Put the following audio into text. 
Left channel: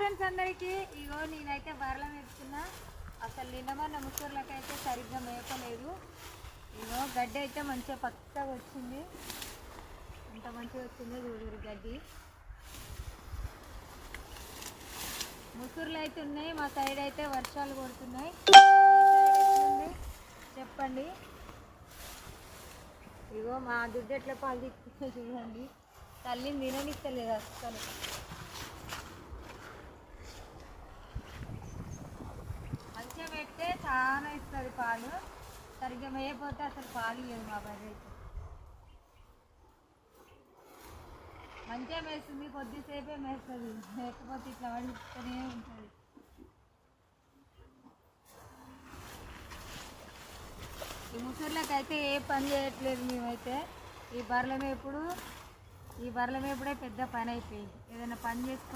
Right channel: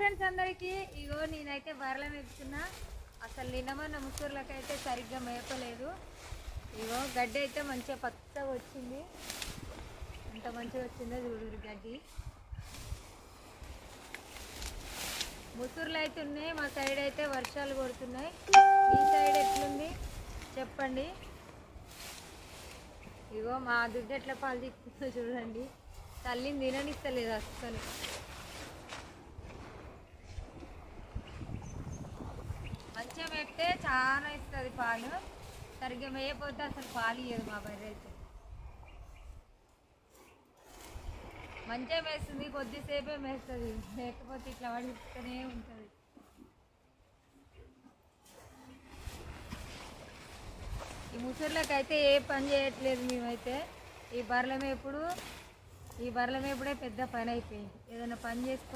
Friends అందరికీ. ఇగో నేనైతే బర్రెల మేపుతున్నా. అసలు నిన్నమన్న ముసూర్లకైతే సరిగ్గా మేపలేదు. ఇగో గడ్డి అయితే మంచిగా పచ్చగా వచ్చింది. ఎంత మంచిగా వచ్చిందో చూడు గడ్డి. ముసూర్లు అయితే ఉన్నాయి. మా సైడ్ అయితే వర్షాలు కొడుతున్నాయి. ఈ సైడ్ ఎట్లుంది చెప్పండి. ఇగో మా దుడ్డు ఎట్లా పాలు తీసుకుందో చూడండి. తల్లిని తిననిస్తలేదు అసలు. మంచిగా పెడితే చాలా ఇస్తుంది పాలు. సరిగ్గా మేయపోతే అసలు పాలు ఇవ్వదు మా బర్రె అయితే. మంచిగా మేస్తుంది, కొద్దిసేపే మేస్తుంది. లేకపోతే ఇట్లా పడిస్తూనే ఉంటుంది. ఈ ముసళ్ళకైతే ఏ పని చేయట్లేదు మేమైతే. ఈ బర్రెల మేపుడే పెద్ద పని అయిపోయింది. ఏదైనా పని చేసుకుంటే